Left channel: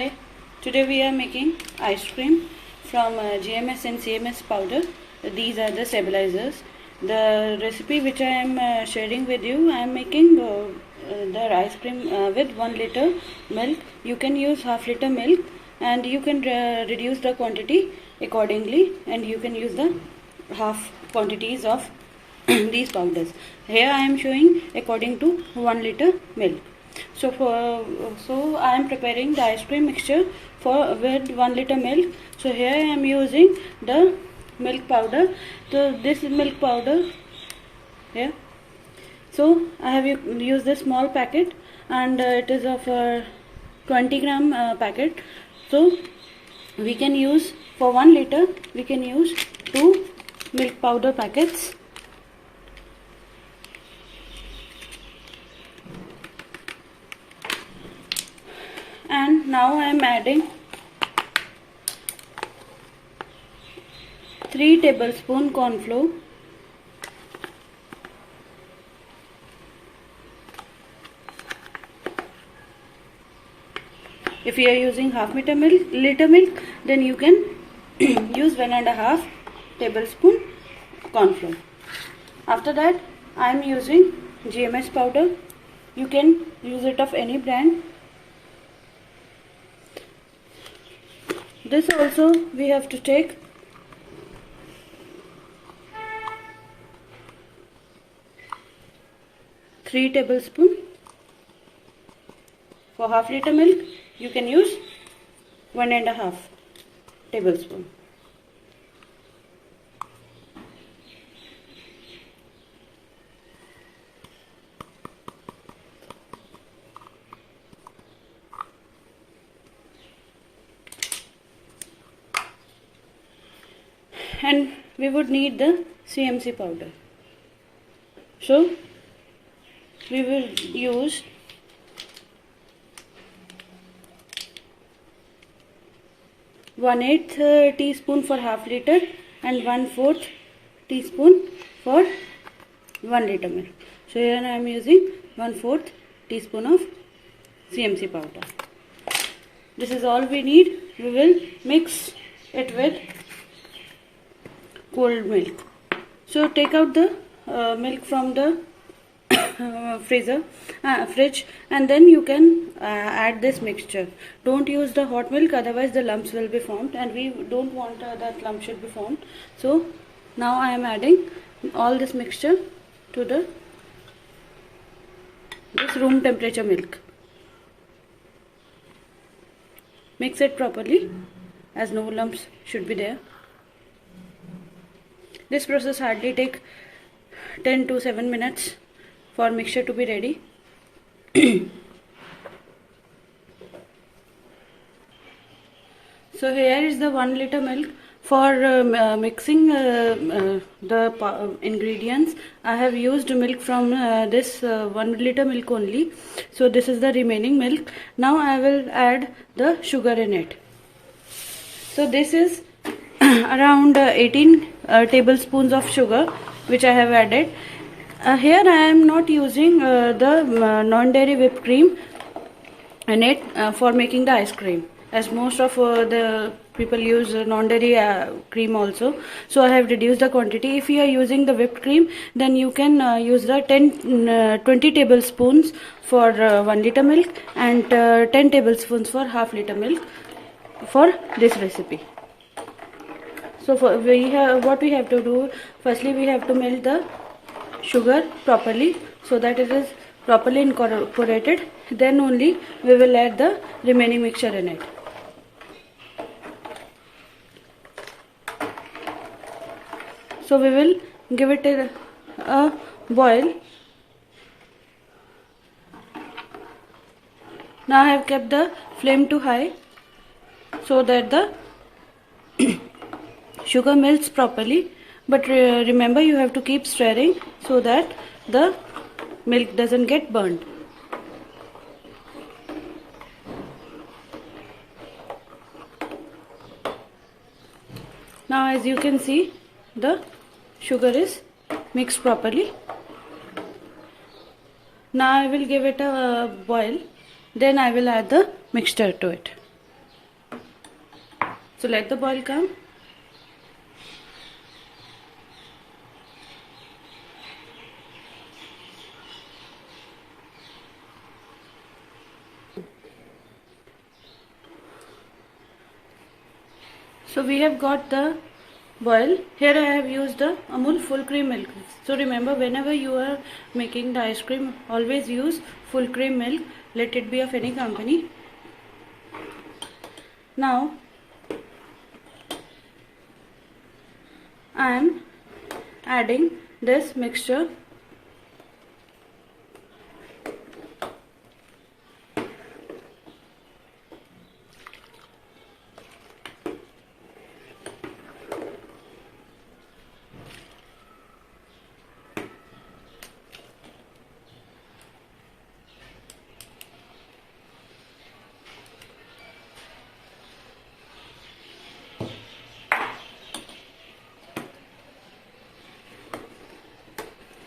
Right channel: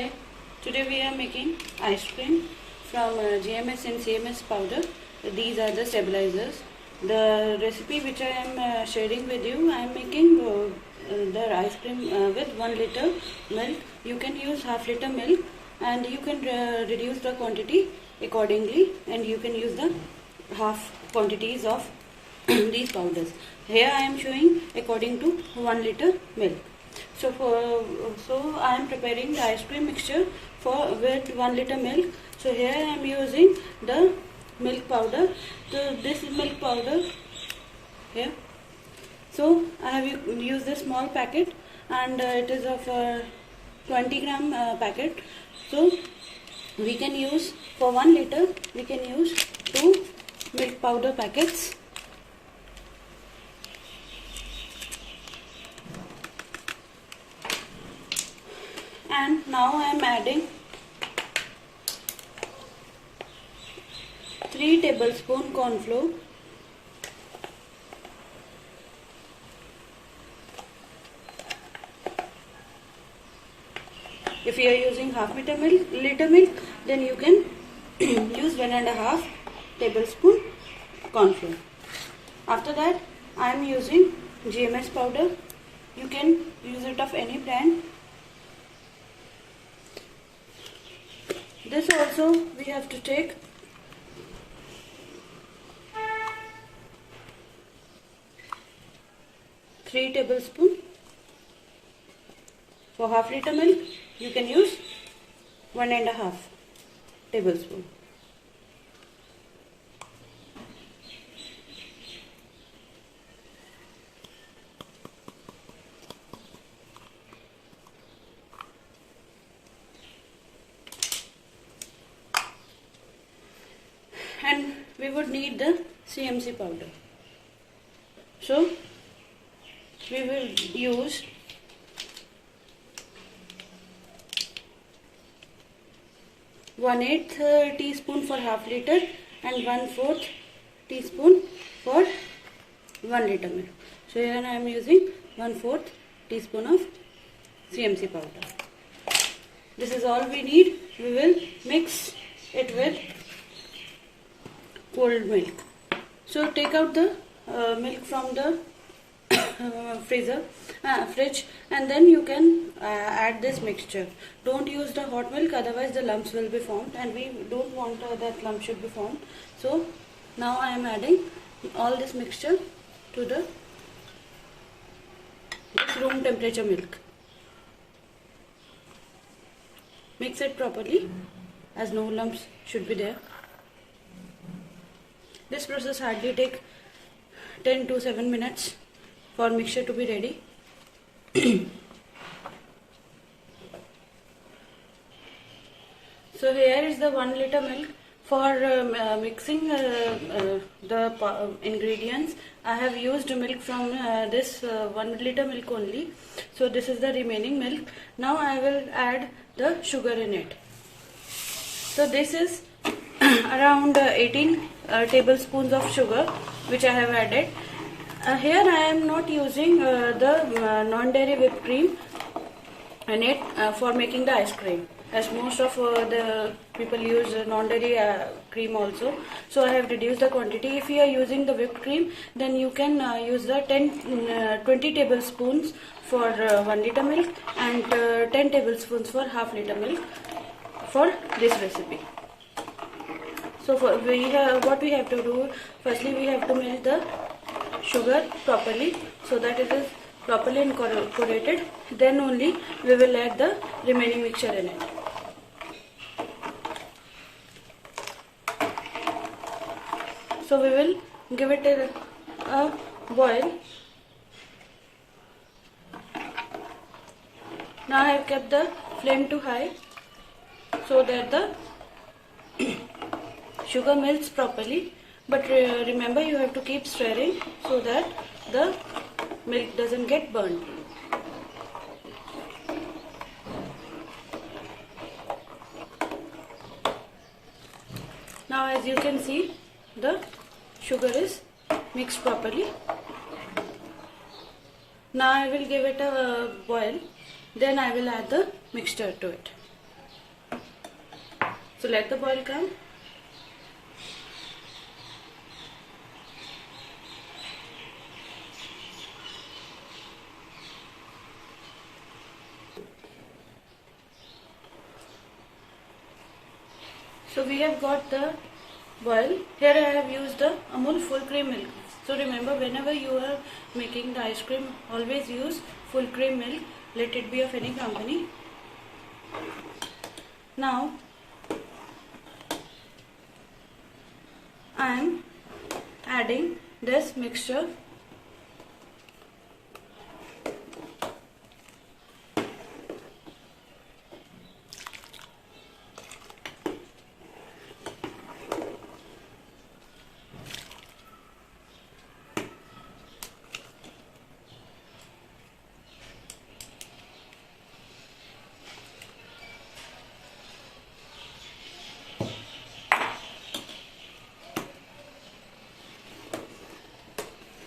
Hi, today we are making ice cream from GMS and CMS powder. These are the stabilizers. The recipe which I am sharing with you, I am making the ice cream with 1 liter milk. You can use half liter milk and you can reduce the quantity accordingly, and you can use the half quantities of these powders. Here I am showing according to 1 liter milk. So I am preparing the ice cream mixture with 1 liter milk. So here I am using the milk powder. So this is milk powder here. So I have used this small packet, and it is of 20 gram packet. So we can use, for 1 liter we can use 2 milk powder packets. And now I am adding 3 tablespoon cornflour, if you are using half liter milk, then you can use 1.5 tablespoon cornflour. After that I am using GMS powder. You can use it of any brand. This also we have to take 3 tablespoons. For half liter milk you can use 1.5 tablespoon. And we would need the CMC powder. So we will use 1/8 teaspoon for half liter and 1/4 teaspoon for 1 liter milk. So here I am using 1/4 teaspoon of CMC powder. This is all we need. We will mix it with cold milk. So take out the milk from the fridge, and then you can add this mixture. Don't use the hot milk, otherwise the lumps will be formed, and we don't want that lump should be formed. So now I am adding all this mixture to this room temperature milk. Mix it properly, as no lumps should be there. This process hardly take 10 to 7 minutes for mixture to be ready. So here is the 1 liter milk. For mixing the ingredients, I have used milk from this 1 liter milk only. So this is the remaining milk. Now I will add the sugar in it. So this is around 18 tablespoons of sugar which I have added. Here I am not using the non-dairy whipped cream in it for making the ice cream, as most of the people use non-dairy cream also. So I have reduced the quantity. If you are using the whipped cream, then you can use the 20 tablespoons for 1 liter milk and 10 tablespoons for half liter milk for this recipe. So what we have to do, firstly we have to melt the sugar properly so that it is properly incorporated. Then only we will add the remaining mixture in it. So we will give it a boil. Now I have kept the flame to high so that the sugar melts properly, but remember you have to keep stirring so that the milk doesn't get burnt. Now as you can see, the sugar is mixed properly. Now I will give it a boil, then I will add the mixture to it. So let the boil come. So we have got the boil. Here I have used the Amul full cream milk. So remember, whenever you are making the ice cream, always use full cream milk. Let it be of any company. Now I am adding this mixture.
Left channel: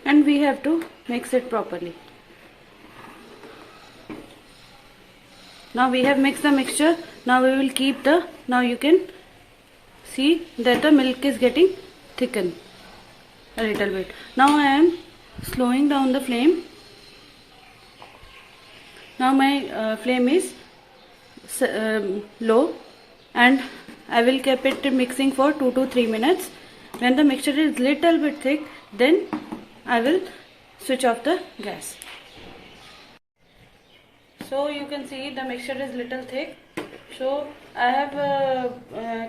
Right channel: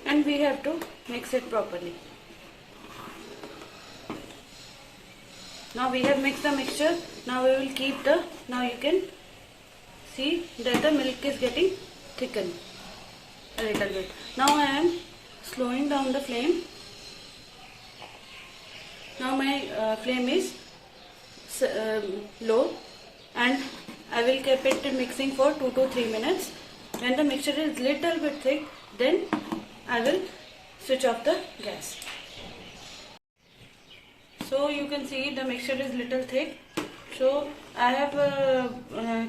And we have to mix it properly. Now we have mixed the mixture. Now we will keep the, now you can see that the milk is getting thickened a little bit. Now I am slowing down the flame. Now my flame is low, and I will keep it mixing for 2 to 3 minutes. When the mixture is little bit thick, then I will switch off the gas. So you can see the mixture is little thick. So I have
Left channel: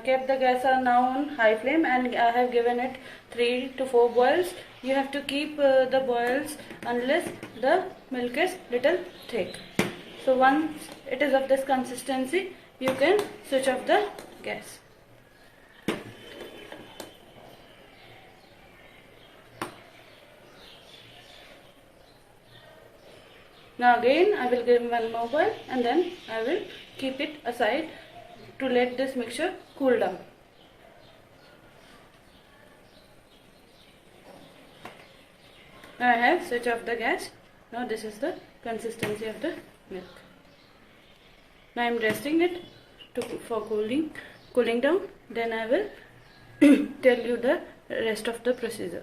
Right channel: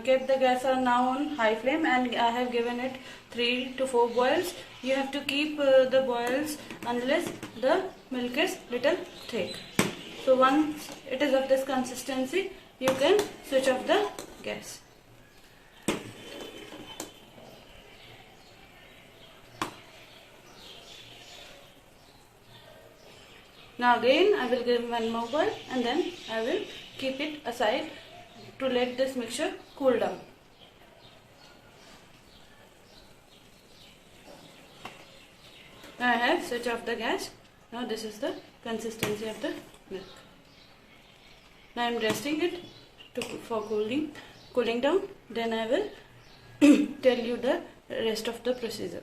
kept the gas now on high flame, and I have given it 3 to 4 boils. You have to keep the boils unless the milk is little thick. So once it is of this consistency, you can switch off the gas. Now again I will give one more boil, and then I will keep it aside to let this mixture cool down. Now I have switched off the gas. Now this is the consistency of the milk. Now I am resting it for cooling down. Then I will tell you the rest of the procedure.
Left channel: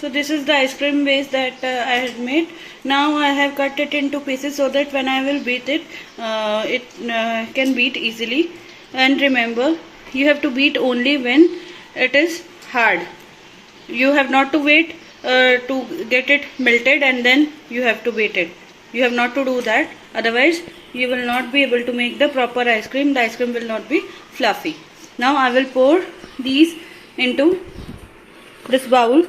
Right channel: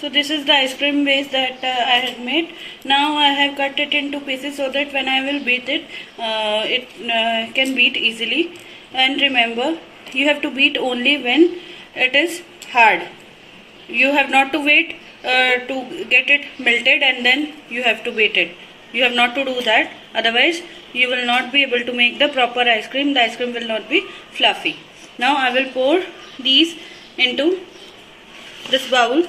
So this is the ice cream base that I had made. Now I have cut it into pieces so that when I will beat it, it can beat easily. And remember, you have to beat only when it is hard. You have not to wait to get it melted and then you have to beat it. You have not to do that. Otherwise, you will not be able to make the proper ice cream. The ice cream will not be fluffy. Now I will pour these into this bowl.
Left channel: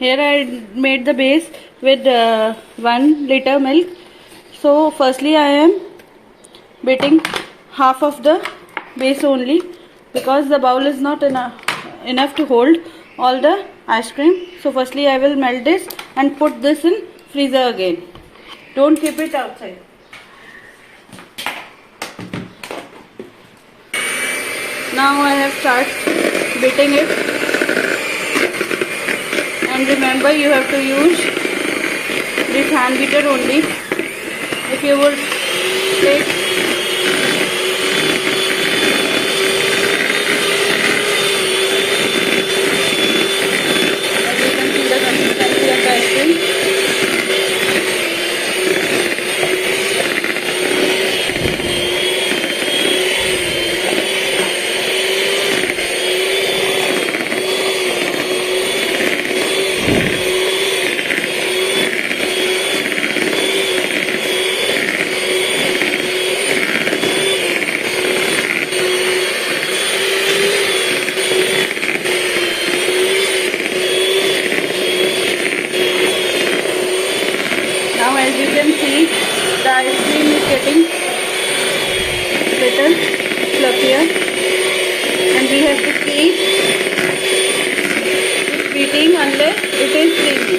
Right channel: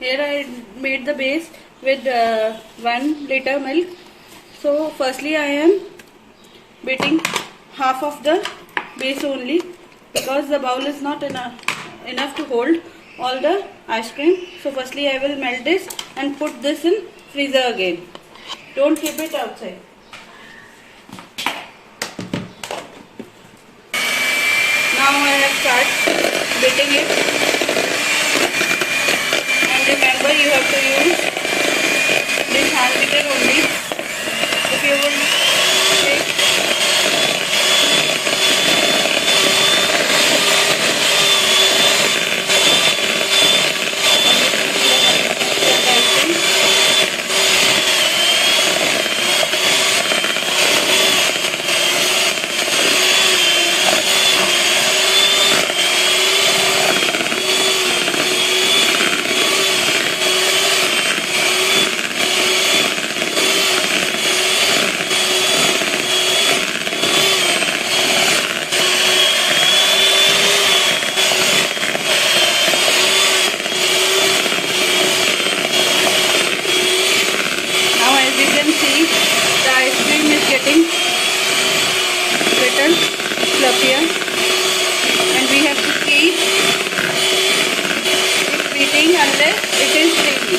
Here I made the base with 1 liter milk. So firstly I am beating half of the base only, because the bowl is not enough to hold all the ice cream. So firstly I will melt this and put this in freezer again. Don't keep it outside. Now I have started beating it. And remember, you have to use this hand beater only. If you would take and you can see the consistency of the ice cream. here, and we have to keep beating unless it is creamy.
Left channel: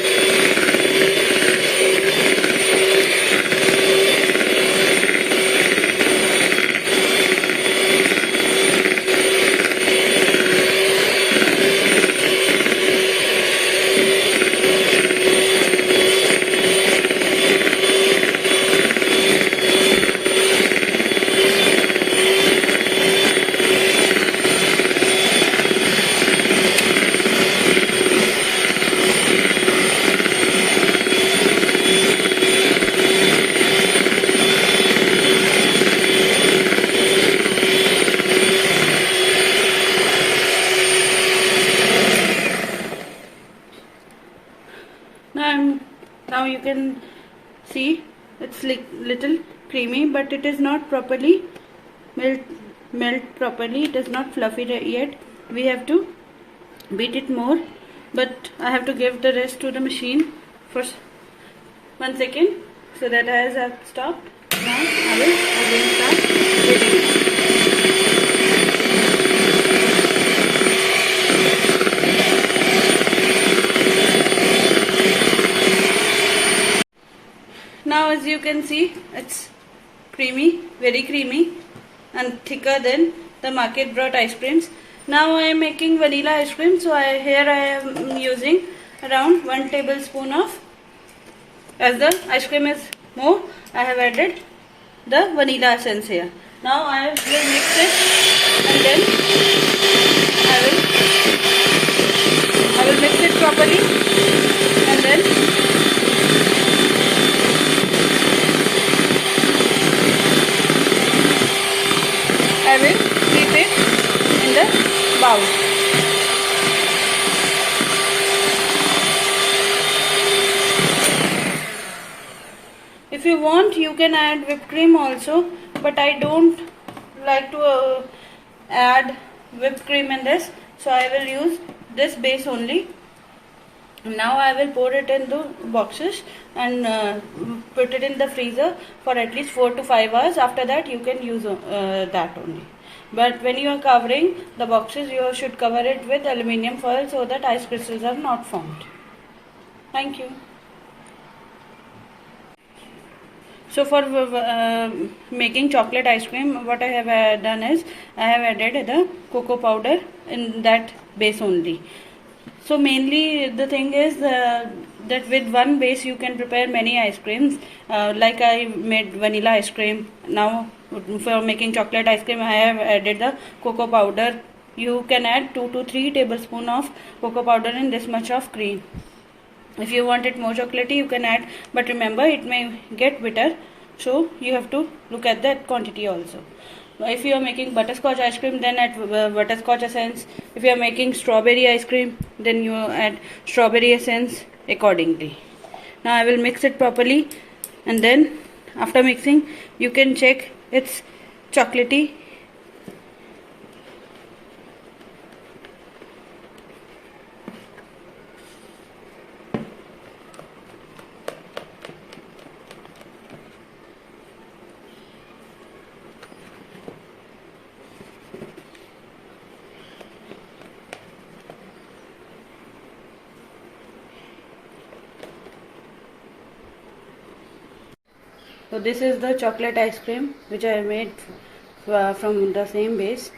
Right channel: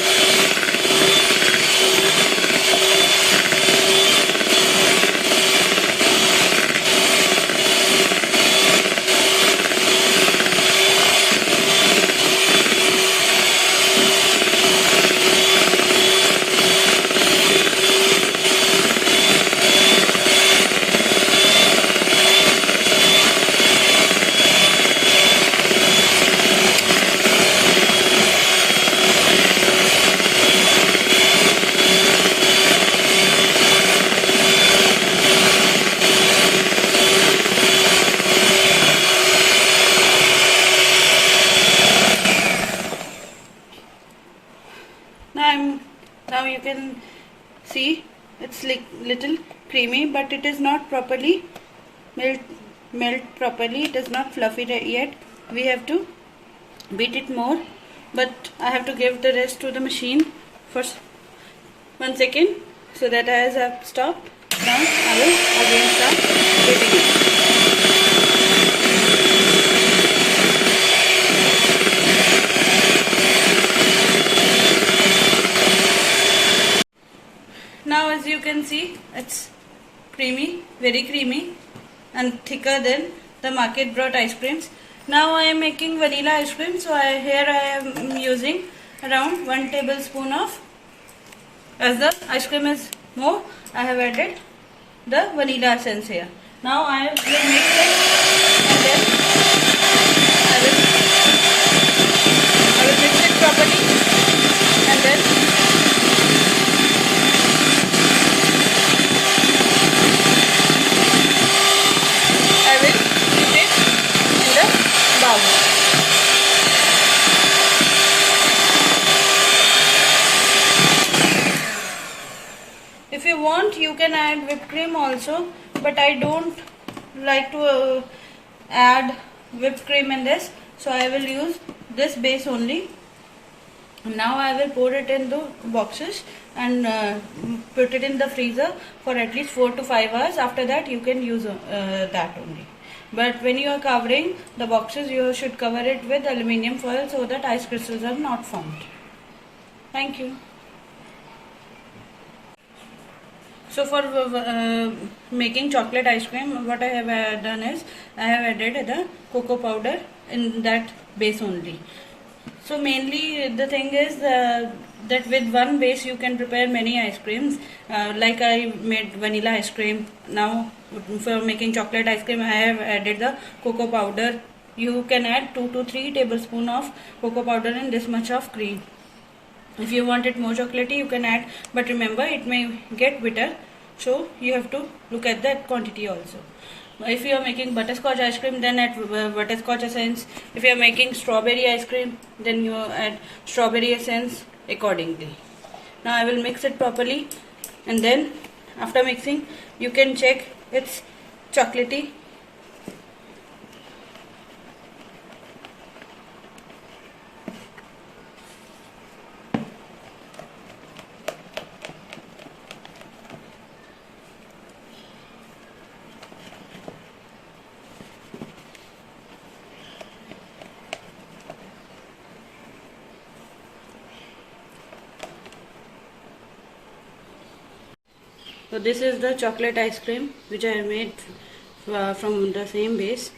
Now you can see it's like little creamy, but it is not properly melt properly. It is not fluffy yet. We have to beat it more, but I have to give the rest to the machine for 1 second so that as I have stopped, now I will again start beating it. Now as you can see, it's creamy, very creamy and thicker than the market brought ice creams. Now I am making vanilla ice cream, so here I am using around 1 tablespoon of, as the ice cream is more, I have added the vanilla essence here. Now I will mix it, and then I will mix it properly, and then I will keep it in the bowl. If you want, you can add whipped cream also, but I don't like to add whipped cream in this, so I will use this base only. Now I will pour it in the boxes and put it in the freezer for at least 4 to 5 hours. After that you can use that only. But when you are covering the boxes, you should cover it with aluminium foil so that ice crystals are not formed. Thank you. So for making chocolate ice cream, what I have done is I have added the cocoa powder in that base only. So mainly the thing is that with one base you can prepare many ice creams. Like I made vanilla ice cream. Now for making chocolate ice cream, I have added the cocoa powder. You can add 2 to 3 tablespoons of cocoa powder in this much of cream. If you want it more chocolatey, you can add, but remember it may get bitter, so you have to look at that quantity also. If you are making butterscotch ice cream, then add butterscotch essence. If you are making strawberry ice cream, then you add strawberry essence accordingly. Now I will mix it properly, and then after mixing you can check it's chocolatey. So this is the chocolate ice cream which I made from the same base.